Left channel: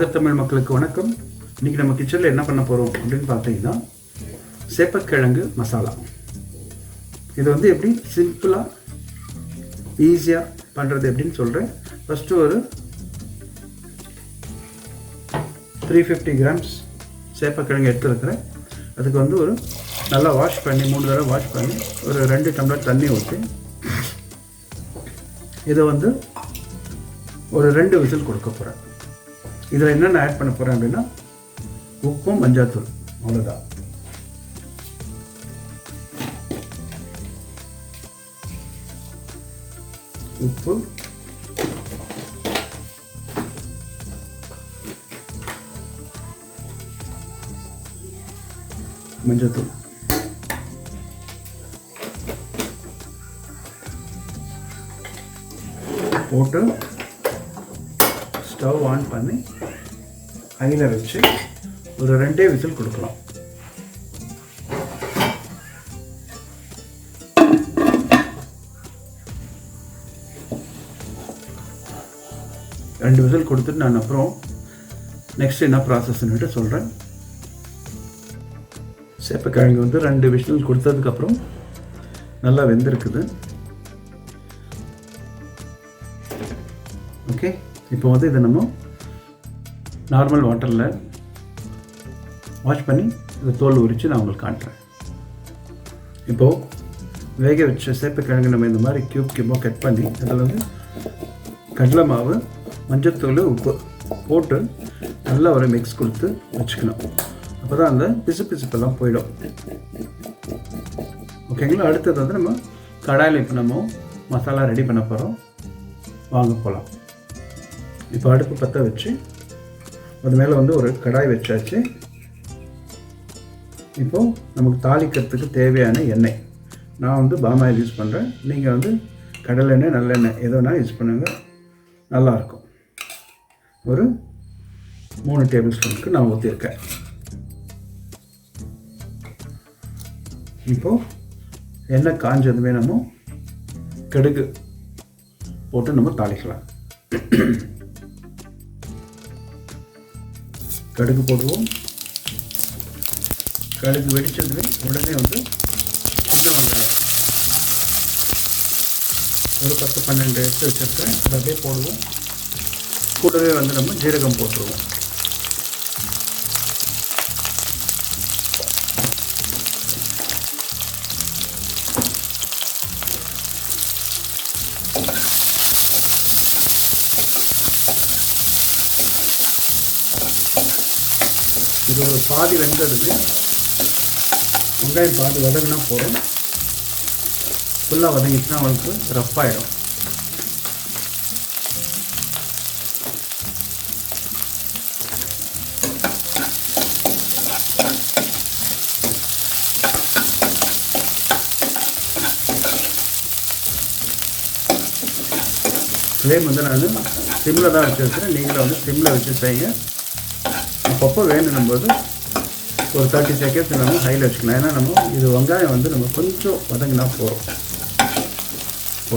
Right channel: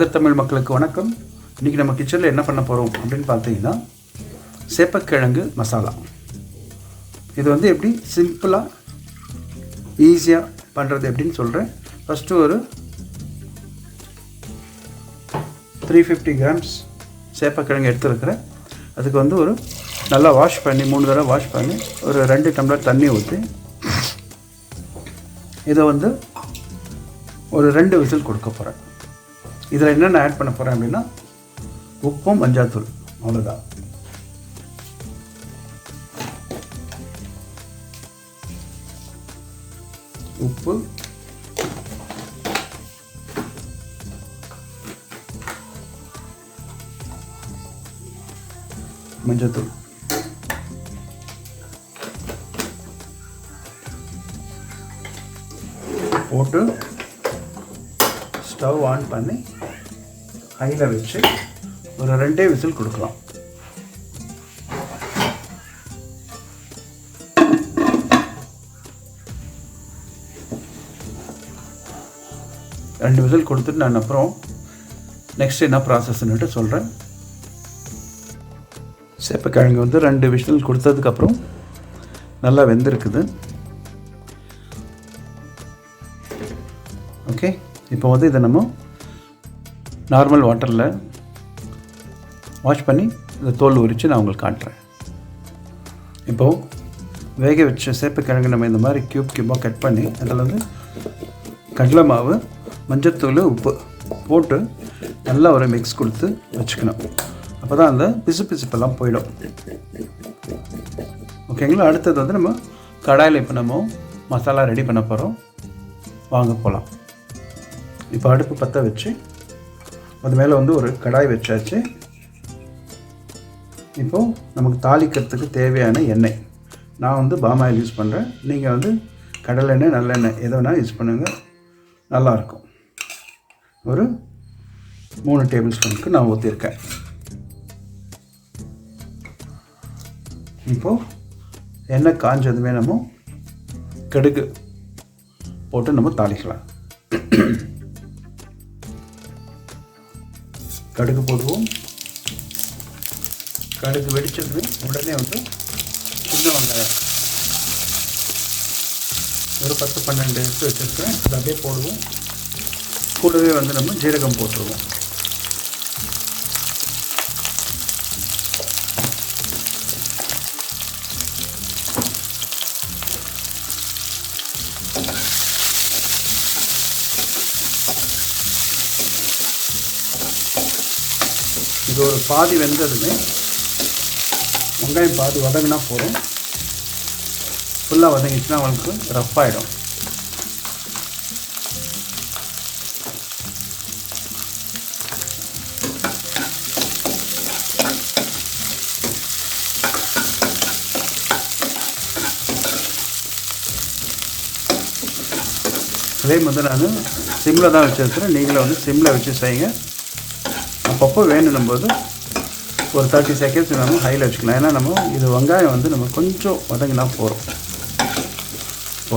நாகர் தமிழ் மக்களுக்கு வணக்கம். இன்றைக்கி நம்ம கிச்சனில் என்ன பண்ண போகிறோம் அப்படின்னு பார்த்தீங்கன்னா, சேப்பக்கிழங்கு மசாலா. இது வந்து எப்படி சிம்பிளாக ஈஸியாக பண்ணுறது எப்படின்னு சொல்கிறேன். ஃபஸ்ட்டு ஒரு 350 கிராம்ஸ் சேப்பக்கிழங்கு எடுத்துருக்கிறேன். அதுக்கு வந்து ஒரு நல்லா வாஷ் பண்ணி 3 தடவை வாஷ் பண்ணி ஒரு 2 டம்ளர் தண்ணி ஊற்றி இதை வந்து ஒரு 2 விசில் கொடுக்க போகிறேன். இதில் என்னென்ன ஆட் பண்ண போகிறேன் அப்படின்னா, உப்பும் மஞ்சாத்தூள், அவ்வளோதான். உப்பு, மஞ்சத்தூள், போட்டு ஸ்டவ் ஆன் பண்ணி ஹையில் வச்சு ஒரு 2 விசில் கொடுக்கலாம். ரெண்டு விசில் கொடுத்துட்டு நான் அப்புறம் நெக்ஸ்ட் என்ன ப்ராசஸ்ன்னுட்டு சொல்கிறேன். சேப்பக்கிழங்கு வந்து 2 விசில் கொடுத்ததுக்கப்புறம் நல்லா வெந்திருக்குது. ஓகே, இப்போ வந்து இதை நம்ம நார்மல் வாட்டரில் வாஷ் பண்ணி இந்த தோல் உரித்து நான் உங்களுக்கு காட்டுறேன். இப்போது வேக வச்ச சேப்பக்கிழங்கு நம்ம இந்த மாதிரி க்யூபாக கட் பண்ணி அதில் வந்து கடலை மாவு, மஞ்சத்தூள், உப்பு போட்டு நல்லா ஒரு மிக்ஸ் கொடுத்து வச்சுக்கணும். அப்போ தான் அந்த பிசுப்பெல்லாம் போயிடும். ஓகேங்களா? அடுத்தது வந்து நம்ம கடாயில் இப்போ நம்ம மசாலா ரெடி பண்ண போகிறோம். வாங்க போகலாம். இப்போ அடுப்பு பற்ற வச்சு அது மேலே வந்து ஒரு கடாய் வச்சாச்சு. இப்போது நமக்கு தாளிக்கிறதுக்கு தேவையான எண்ணெய், நான் வந்து பாம் ஆயில் யூஸ் பண்ணுறேன். நீங்கள் வந்து கடலெண்ணெய், நல்லெண்ணெய் எதை வேணால் யூஸ் பண்ணுங்கள், நல்லாயிருக்கும். ஒரு 3 டேபிள் ஸ்பூனுக்கு நான் ஊற்றிருக்கேன். இப்போது எண்ணெய் காஞ்சதுமே நம்ம கடுகு போட்டு நம்ம தாளிக்கலாம். கடுகு போடுவோம். கடுகு வெடிச்சது உடனே வந்து சின்ன வெங்காயம் ஒரு 10-12 எடுத்து வச்சுருக்கேன். அது அப்படியே போடுவோம். கூடவே வந்து நம்ம ஜீரகம் போட்டுருவோம். இது ஒரு பாதி வெந்ததுமே வெங்காயம் பாதி வதங்கினா போதும். ஃபுல்லாக வதங்கிச்சுன்னா அவங்களுக்கு ரஃப் ஆகிடும். ஃப்ளேம் வந்து நான் சிம்மில் தான் வச்சுருக்கிறேன். நீங்களும் வந்து சிம்மில் வச்சு செய்யுங்க. அப்பப்போ வேணும் போது ஒரு 30 செகண்ட்ஸ் நம்ம ஹையில் வச்சுக்கலாம். ஏன்னா நம்ம இது வெங்காயம் வந்து நம்ம கொஞ்சம் வதங்கினா போகிறோம்.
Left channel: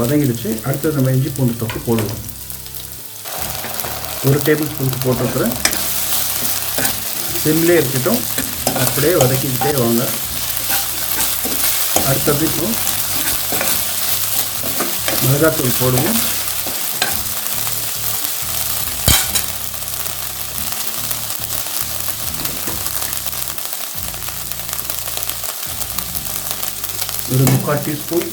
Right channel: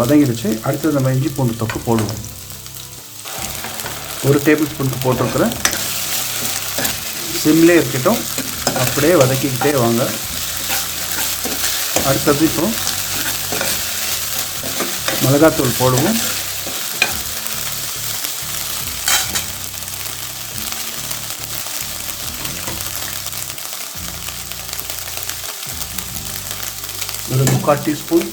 வதங்கிடுச்சு. அடுத்தது நம்ம இஞ்சி பூண்டு தொக்கு போடுவோம். 1 டேபிள் ஸ்பூனுக்கு போட்டிருக்கிறேன். சிம்லேயே இருக்கட்டும், அப்படியே வதக்கிக்கிட்டே வாங்க. அடுத்தது இப்போ மிளகாத்தூள் போடுவோம். ஒரு 3/4 டீஸ்பூன்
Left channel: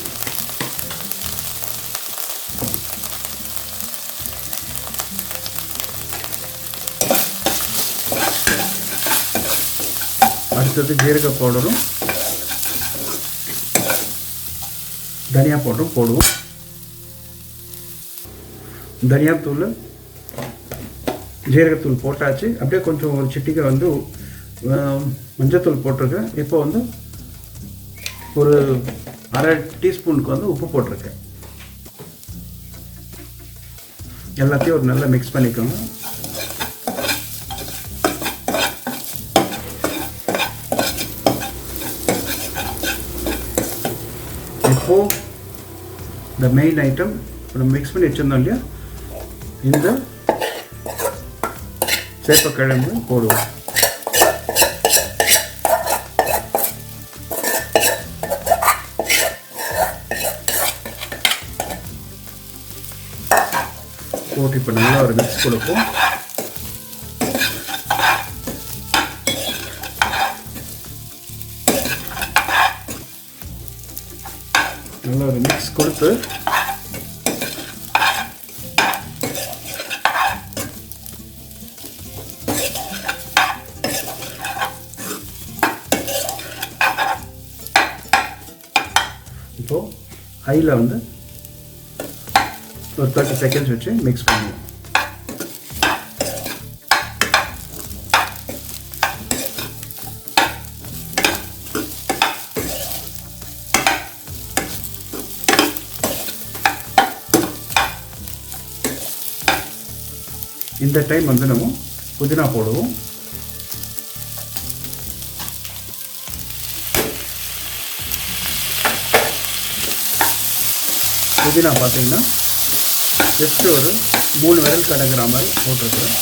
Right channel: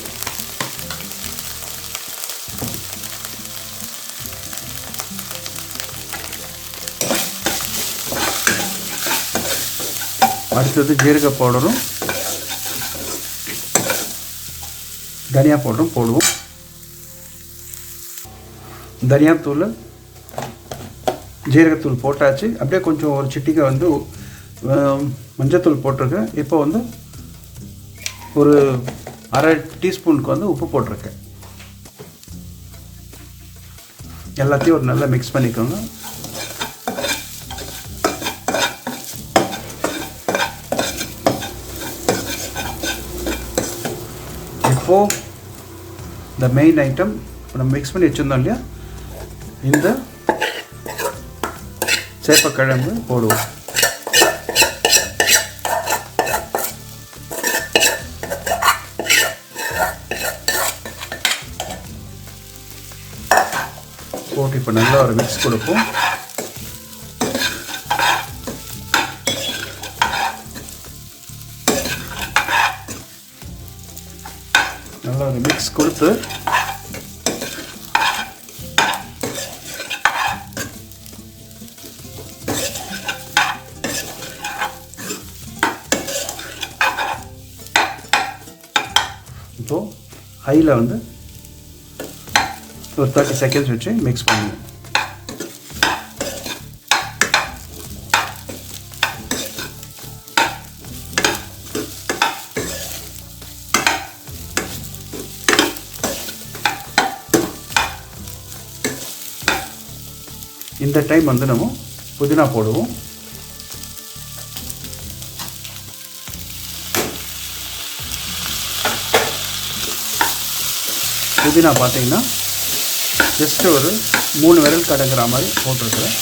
அடுத்தது ஜீரக பவுடரும் தனியா பவுடரும் போடுவோம். தனியாத்தூள், ஜீரகத்தூள் போட்டாச்சு. அப்படியே கொஞ்சம் ஒரு சிட்டிகை வந்து மஞ்சத்தூள் போட்டிருக்கேன். இப்போ வந்து ஒரு 1/2 டீஸ்பூனுக்கு வந்து உப்பு போட்டிருக்கேன். எல்லாத்தையும் ஒரு நல்லா மிக்ஸ் பண்ணிக்கோங்க. இப்போது the main item நம்ம மிக்ஸ் பண்ணி வச்சுருந்தோம் இல்லையா, இந்த சேப்பக்கிழங்கு போடுவோம். போட்டு இப்போ நல்லா ஒரு மிக்ஸ் கொடுப்போம். நல்லா ஒரு மிக்ஸ் கொடுத்து இப்போ ஹையில் வந்து ஒரு 30 செகண்ட்ஸ் வச்சு மிக்ஸ் பண்ணுவோம். இந்த டைம் வந்து நம்ம புதினா போடுவோம். புதினா பார்த்தீங்கன்னா ஜஸ்ட்டு ஒரு 3 விரல் கடக்கிற மாதிரி போட்டிருக்கோம்.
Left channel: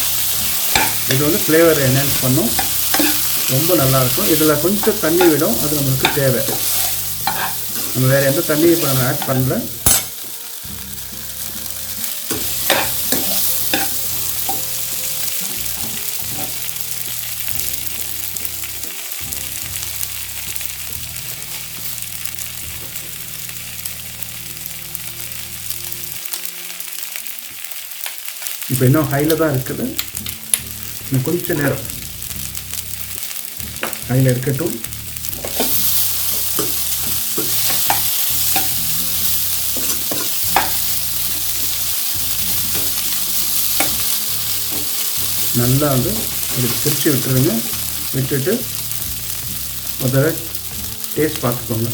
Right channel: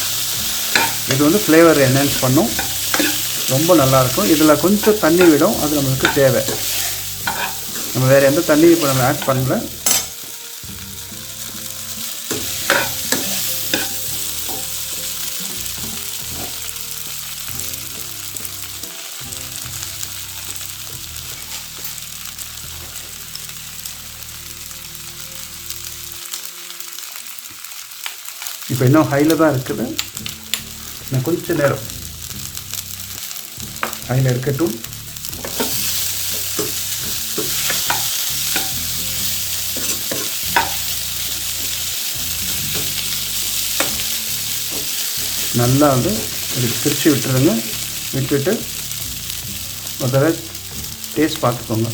இது வந்து ஃப்ளேவரை என்ஹான்ஸ் பண்ணும், ரொம்ப நல்லாயிருக்கும். இதில் கொஞ்சம் தண்ணி விடும், அது நம்மளுக்கு தேவை. நம்ம வேறு எந்த தண்ணி இப்போ நம்ம ஆட் பண்ணல. இப்போ இன்னும் ஹையில் தான் இருக்குது. நான் கொஞ்சம் நேரம் ஹையில் இருக்கட்டும். நல்லா வந்து இது பிரித்து விட்டுருங்க. விட்டுட்டு முதல்ல டேஸ்ட் பார்த்துக்கோங்க.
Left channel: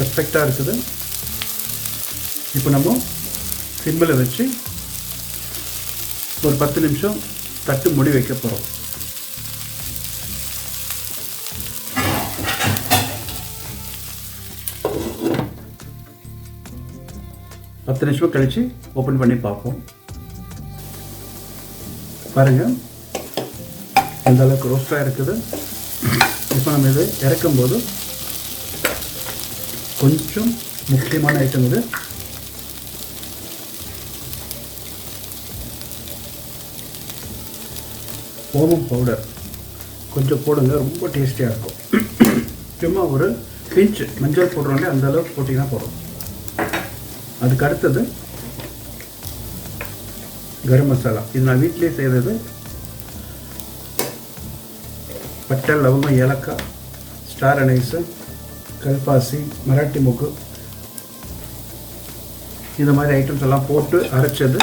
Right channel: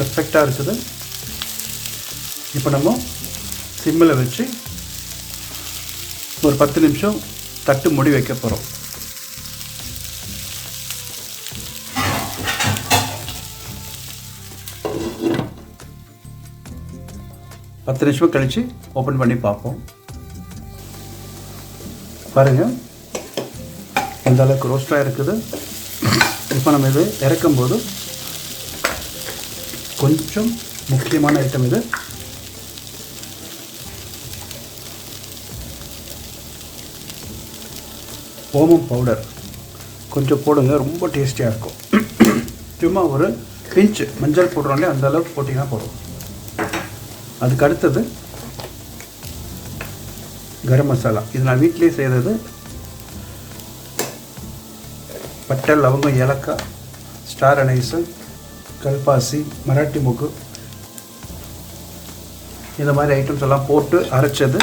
பர்ஃபெக்டாக இருக்குது. இப்போ நம்ம சிம்மில் வச்சு ஒரு 10 நிமிஷம் தட்டு மூடி வைக்க போகிறோம். பத்து நிமிஷம் கழித்து ஓப்பன் பண்ணி பார்ப்போம். பாருங்கள், இந்த அளவுக்கு ரோஸ்டாக இருக்குது. இப்போ நம்ம இது இறக்கும்போது கொஞ்சம் முக்கியமான ஐட்டம் இது. ஓமம் பவுடர் கொஞ்சம் போடுங்க, ரொம்ப டேஸ்டியாக இருக்கும். சும்மா ஒரு பிஞ்சு மஞ்சள் போடுறோம்லே அந்த அளவுக்கு போட்டிங்கன்னா போதும். அதுக்கு அடுத்தது கரம் மசாலா. இது நான் வீட்டிலே செய்கிறது. பட்டை, லவங்கம், ஏலக்காய், ஸ்டார் அனைஸு, கல்பாசி, மராட்டி மொக்கு, இந்த மாதிரி ஐட்டம்ஸ் எல்லாம் போட்டு அரைச்சது.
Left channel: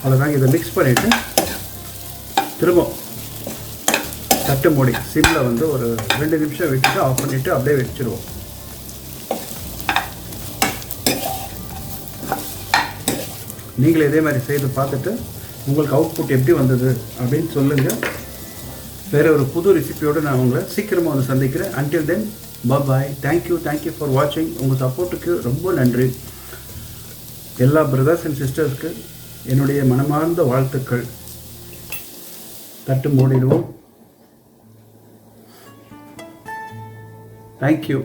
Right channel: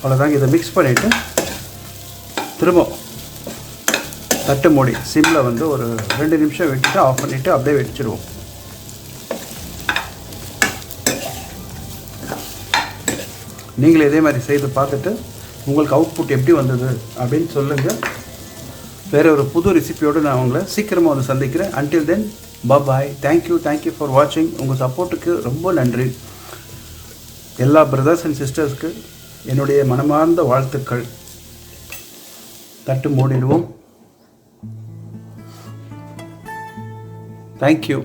அவ்வளோதாங்க. இதை மிக்ஸ் பண்ணிவிட்டு திரும்ப தட்டு மூடி சிம்மில் வந்து ஒரு 2 நிமிஷம் வச்சுட்டு ஆஃப் பண்ணிவிட்டு அப்படியே வச்சுருவோம். நீங்களே இதே மாதிரி செய்து பார்த்துட்டு உங்களுக்கு அவுட்புட் எப்படி வந்தது அப்படின்னு சொல்லுங்கள். வேறு ஒரு புது ரெசிபியோடு நான் உங்களை சீக்கிரமாக வந்து சந்திக்கிறேன். Until then bye. Thank you for வாட்சிங். உங்கள் சப்போர்ட்டுக்கு ரொம்ப நன்றி. எல்லா பிரதர்ஸ் அண்ட் சிஸ்டர்ஸ்க்கு என்னுடைய மனமார்ந்த வாழ்த்துக்கள். தட்டு மூடிடுவோம். தேங்க்யூ.